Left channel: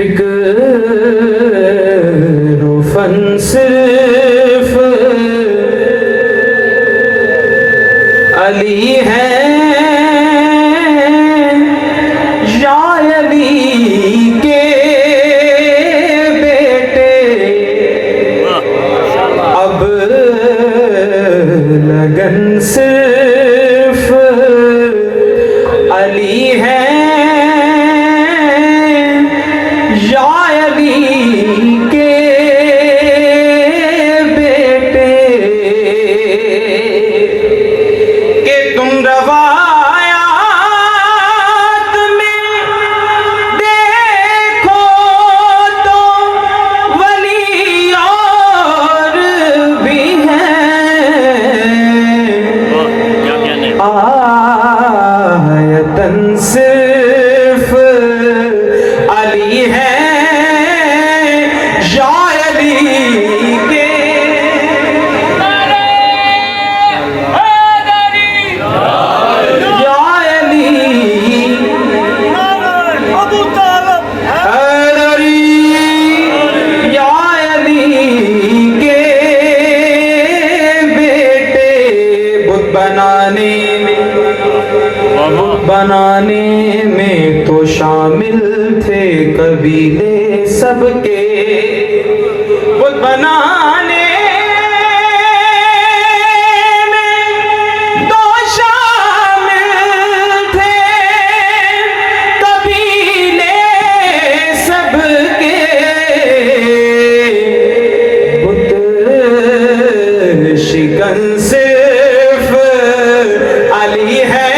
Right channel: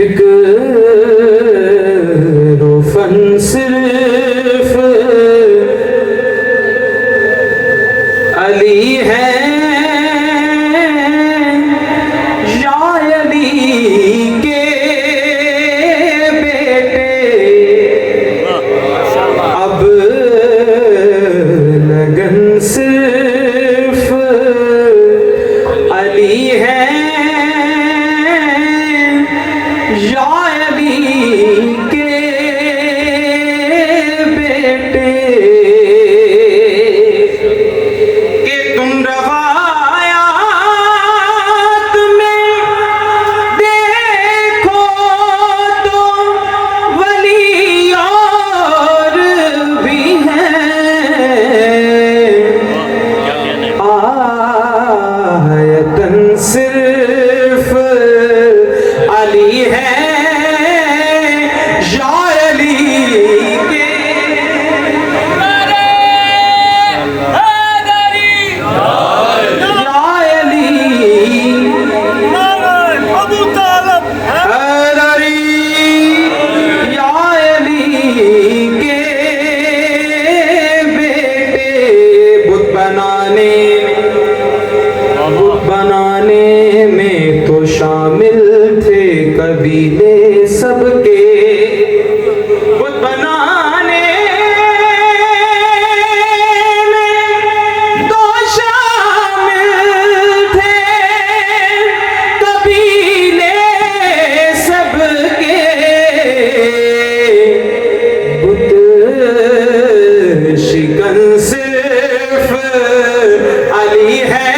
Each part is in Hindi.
फिक्र फन सिर्फ अली है या अली के बेटे। अब लगन सिर्फ अली है या अली के बेटे। कि तुम रवायात में देखो तो वली और भी हैं। आयतन सिर्फ अली है या अली के। या अली हैदरी या अली के बेटे। बुत बनाने में तो शामिल थे कबीले सबके। बुत बनाने में तो शामिल थे कबीले सबके। बुत शिकन सिर्फ अली है।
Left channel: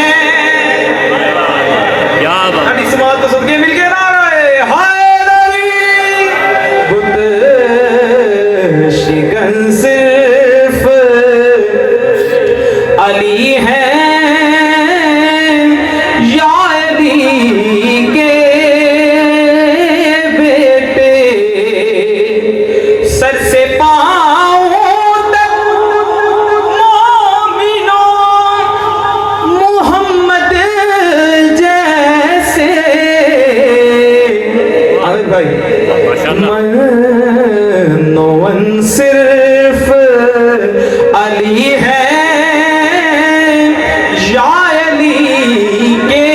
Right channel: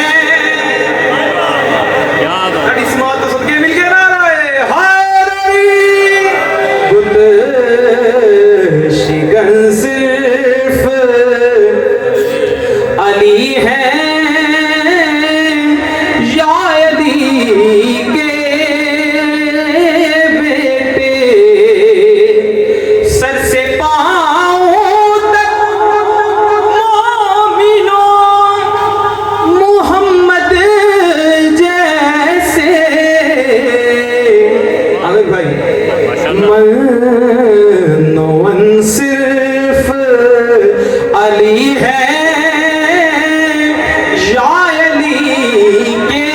शिकन सिर्फ अली है या अली के बेटे। सर से पाँव तक मोमिनों मोहम्मद जैसे। आमिर भाई नौवन सिर्फ अली है या अली के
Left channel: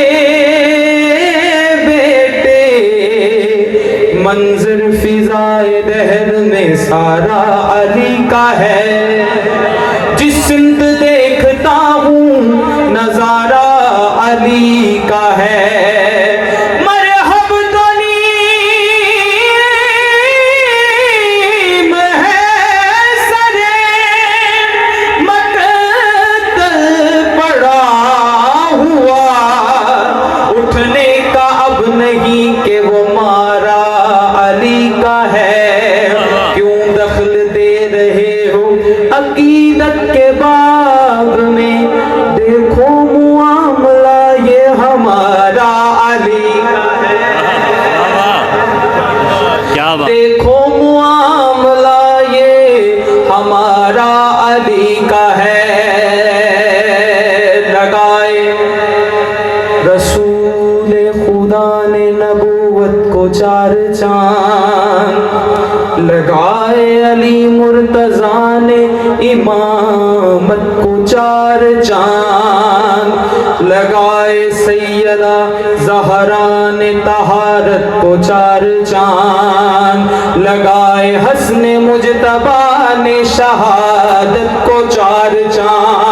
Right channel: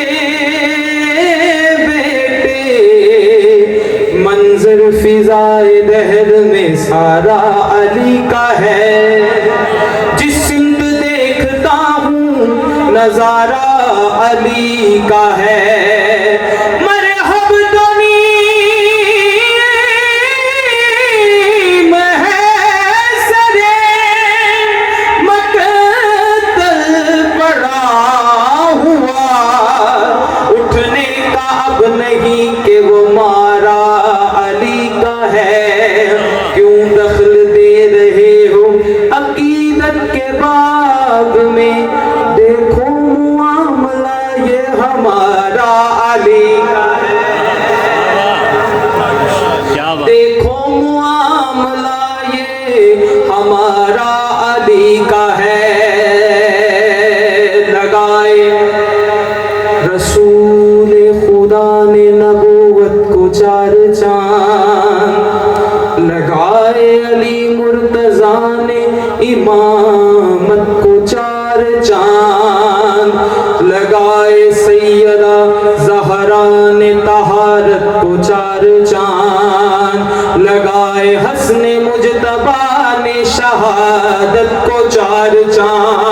बेटे। मंजर फिजाए दहर में सारा अली का है। जिस सिंध देखता हूँ नजारा अली का है। देखो मुआमला ये हमारा अली का है। लगाए रसूल खुदा ने नबूवत को 4 चांद। लगाए अली मुर्तजा ने इमामत को 4 चांद। लगाए सैयदा ज़हरा ने तहारत को 4 चांद। लगाए हस्ने मुजतबा ने शहादत को 4 चांद।